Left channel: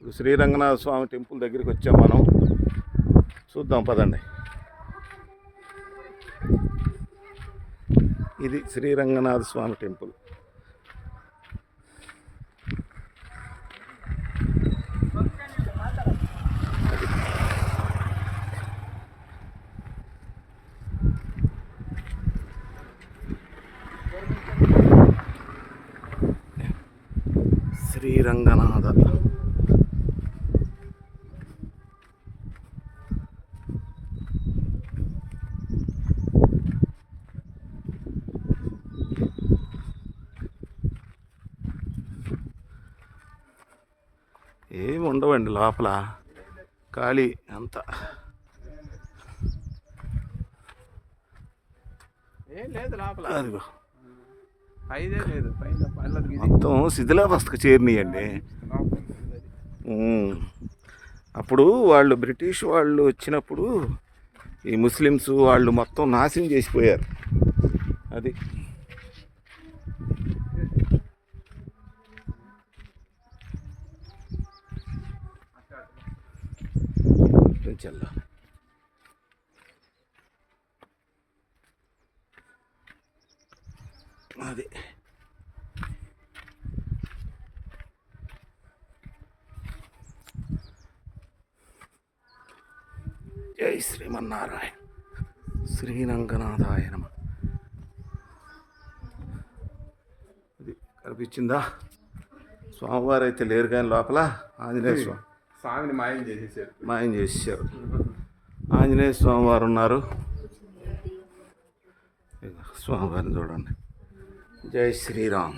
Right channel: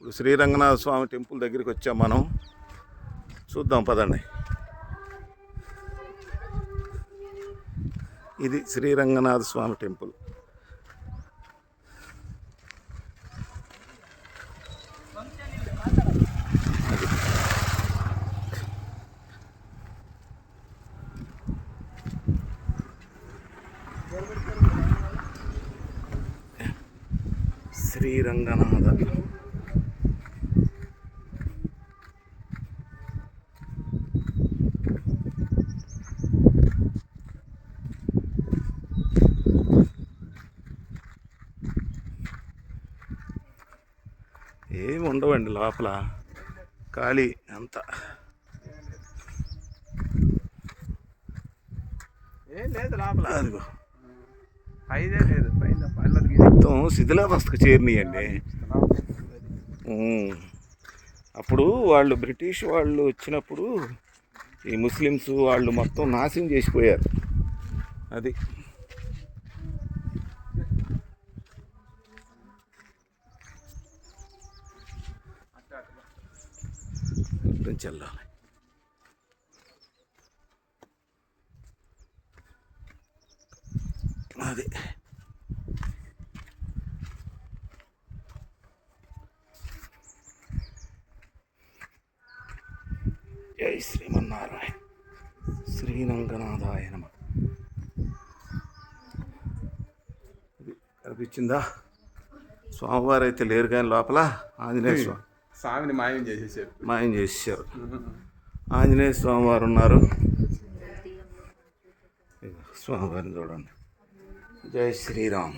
ఇప్పుడు శ్రీరంగనాథ స్వామి టెంపుల్ దగ్గరికి వచ్చాం మనం. చూద్దాం పదండి. ఇది శ్రీరంగనాథ స్వామి టెంపుల్. శ్రీరంగనాథ ఏమి ఉండవండి లోపల, ఖాళీ అంతా. ఏం లేదు లోపల, అదిగో ఐదే లేదు పైన మొత్తం శిథిలావస్థకు చేరినాయండి. అప్పుడు వాళ్ళు బ్రిటిష్ వాళ్ళు వచ్చినప్పుడు ఈ ముస్లిమ్స్ వాళ్ళు మొత్తం నాశనం చేసిపోయారు. అది చెల్లాలి. అది జై శ్రీమన్నారాయణ, శ్రీరంగనాథాయ నమః. ఇది కనిపించిందా? స్వామివారు అయితే లేరు కానీ లోపల ఆంజనేయ స్వామిని మాయం చేసేసారు. ఆంజనేయ స్వామివారు ఉన్నారు. స్వామివారిని చూడండి. జై శ్రీరామ్,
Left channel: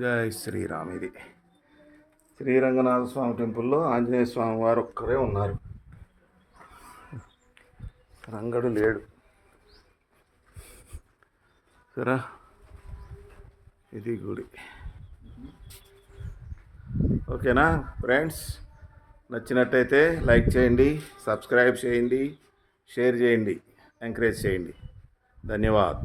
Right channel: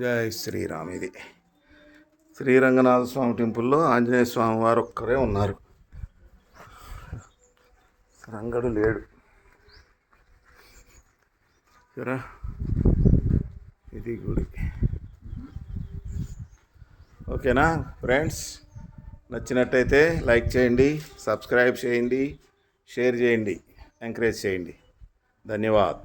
జై శ్రీరామ్. ఇది శ్రీరంగనాథ స్వామి టెంపుల్లో ఆంజనేయ స్వామి వారు ఒక్కరే ఉన్నారు. రంగడు లేడు. సరే, ఇది గుడి. ఓకేనా ఫ్రెండ్స్? నచ్చినట్టయితే లైక్ చేయండి, సబ్స్క్రైబ్ చేయండి, షేర్ చేయండి, ఎంకరేజ్ చేయండి. ధన్యవాద్.